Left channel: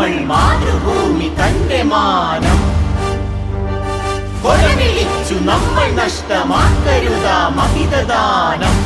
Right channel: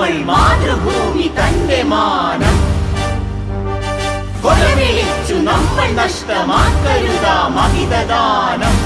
നമ്മൾ മാതൃഭൂമി തന്റെ മാനം കൊലവിളിച്ചു നമ്മൾ നഷ്ടമാക്കരുതാ മഹിതദാനം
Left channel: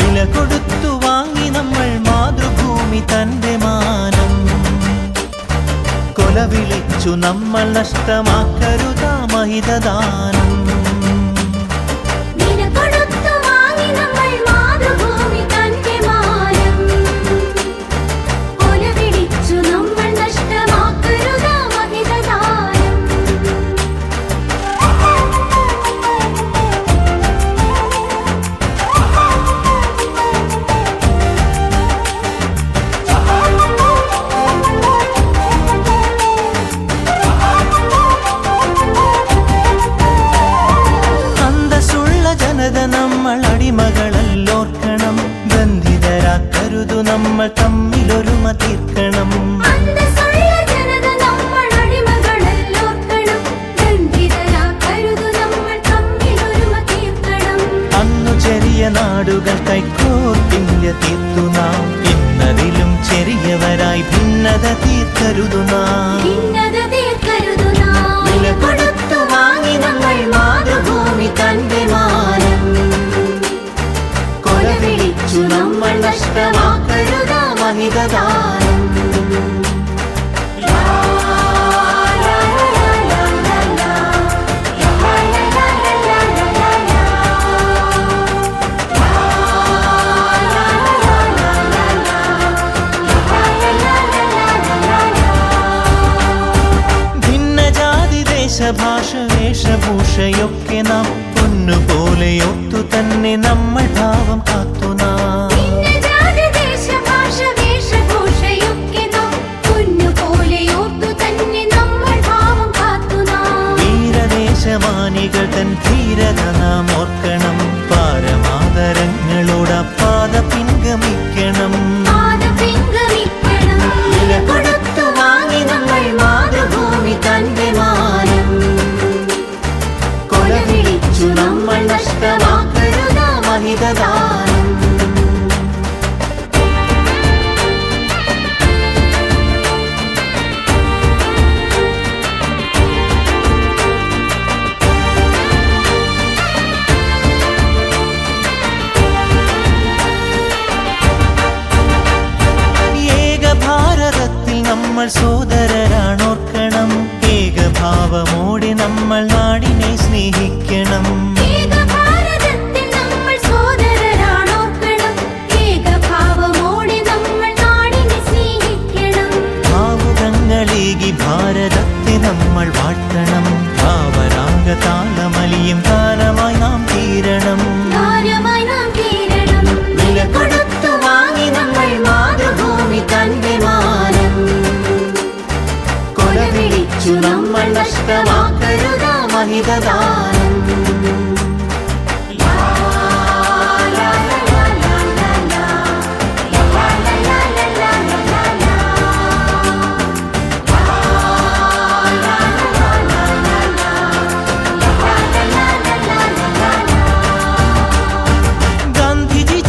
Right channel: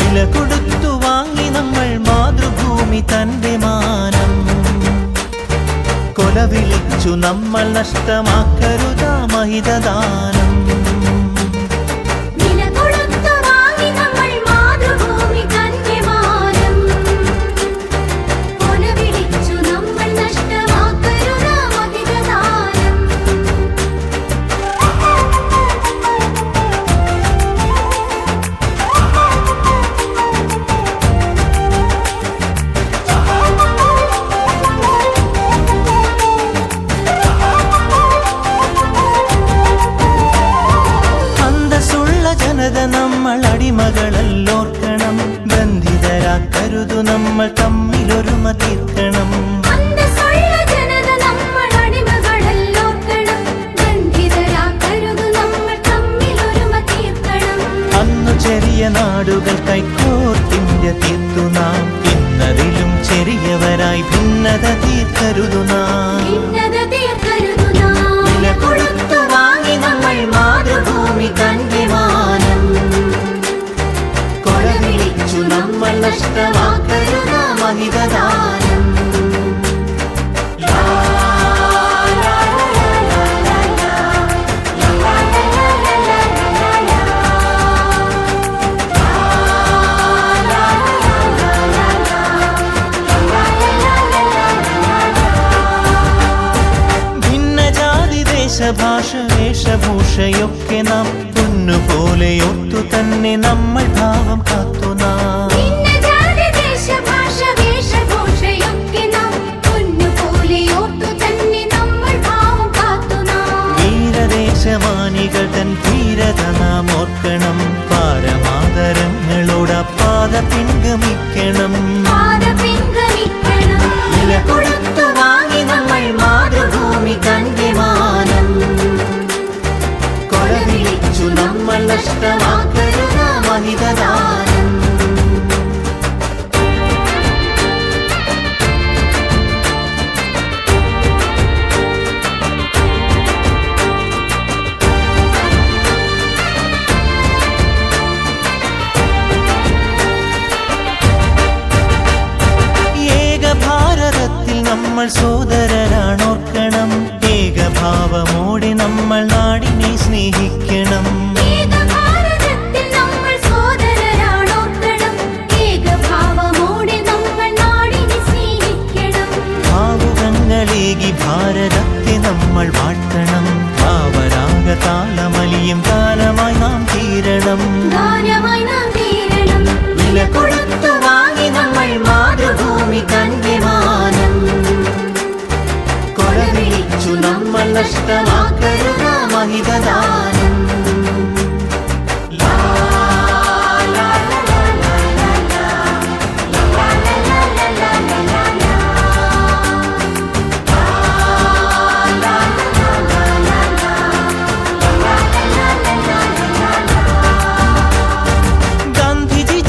വില കൊടുത്തു വാങ്ങി നമ്മൾ മാതൃഭൂമി തന്റെ മാനം കൊലവിളിച്ചു നമ്മൾ നഷ്ടമാക്കരുതാ മഹിതദാനം ജനത നമ്മൾ അടിമകളല്ലോർക്കണം ബന്ധിതരാക്കരുതു നമ്മൾ തമ്മിലൊരുമ തീർക്കണം അന്നു ചെറിയ നാടുകൾ കൈക്കോർത്തിന്ത്യ തീർത്തു നാം ഇന്നതിലും ചെറിയവരായി ഭിന്നത തീർക്കരുതു നാം വില കൊടുത്തു വാങ്ങി നമ്മൾ മാതൃഭൂമി തന്റെ മാനം കൊലവിളിച്ചു നമ്മൾ നഷ്ടമാക്കരുതാ മഹിതദാനം ദേശഭാഷ വേഷഭൂഷയൊക്കെ നാം പൊന്നുപോലെ ഓർത്തു തന്നെ നമ്മൾ ഭാവം കാത്തു നാം വീരദേശമാനികൾ തൻ ധീരത നാം ഓർക്കണം പാരമാദരങ്ങളോടപ്പാത പിൻഗമിക്കണം വില കൊടുത്തു വാങ്ങി നമ്മൾ മാതൃഭൂമി തന്റെ മാനം കൊലവിളിച്ചു നമ്മൾ നഷ്ടമാക്കരുതാ മഹിതദാനം ഭാരതത്തിൽ നമ്മൾ സോദരരാണോർക്കണം ഏകഭാവമോടെ നമ്മൾ നാടിനെ സ്നേഹിക്കണം ഭാവുകങ്ങളേകി ഭാരതത്തെ നമ്മൾ വാഴ്ത്തണം ഭാവരാഗ താളമലിയും കാലമായി നാം തീരണം വില കൊടുത്തു വാങ്ങി നമ്മൾ മാതൃഭൂമി തന്റെ മാനം കൊലവിളിച്ചു നമ്മൾ നഷ്ടമാക്കരുതാ മഹിതദാനം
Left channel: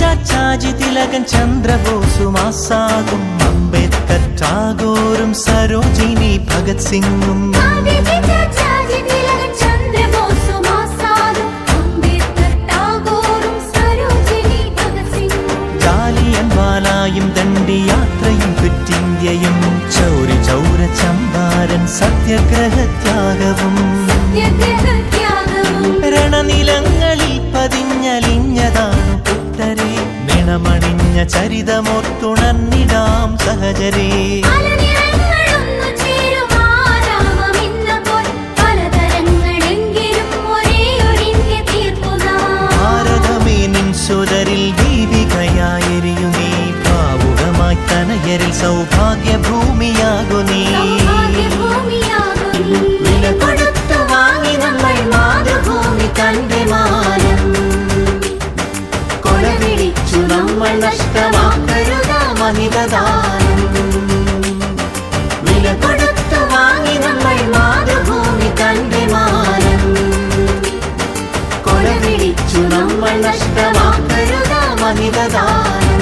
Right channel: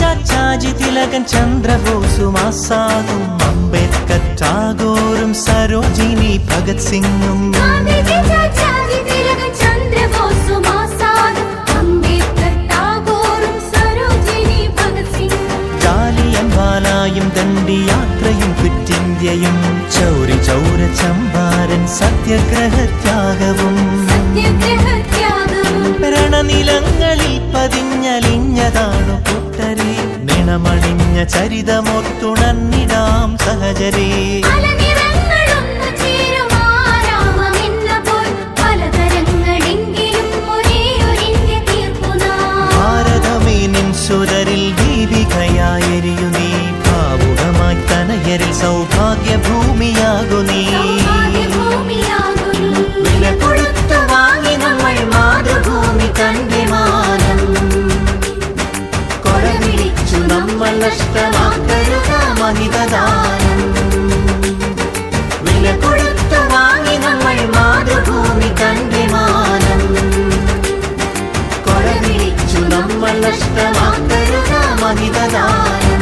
ചാച്ചാജി തിലകൻ ചന്ദ്രബോസും ആസാദും അംബേദ്കർ ടാഗോറും സരോജിനി ഭഗത് സിംഗും ജാലിയൻ വാലായും ദണ്ഡിയാത്രയും ക്വിറ്റിന്ത്യയും ചൗരി ചൗര ചമ്പാരൻ സത്യാഗ്രഹത്യാഗവും രണനിലങ്ങളിൽ പതിഞ്ഞലിഞ്ഞതാണു കൂട്ടരെ നിണമണിഞ്ഞ ചരിതമോർത്തുണർന്നിടാം സഹചരേ ഭാരതമേ നിൻ സുതരിൽ ദീപികയായെരിയു നീ ഭാവുകമായി തനയരിൽ സൗഭാഗ്യഭൂമിയാകു നീ വില കൊടുത്തു വാങ്ങി നമ്മൾ മാതൃഭൂമി തന്റെ മാനം കൊലവിളിച്ചു നമ്മൾ നഷ്ടമാക്കരുത മഹിതദാനം വില കൊടുത്തു വാങ്ങി നമ്മൾ മാതൃഭൂമി തന്റെ മാനം കൊലവിളിച്ചു നമ്മൾ നഷ്ടമാക്കരുത മഹിതദാനം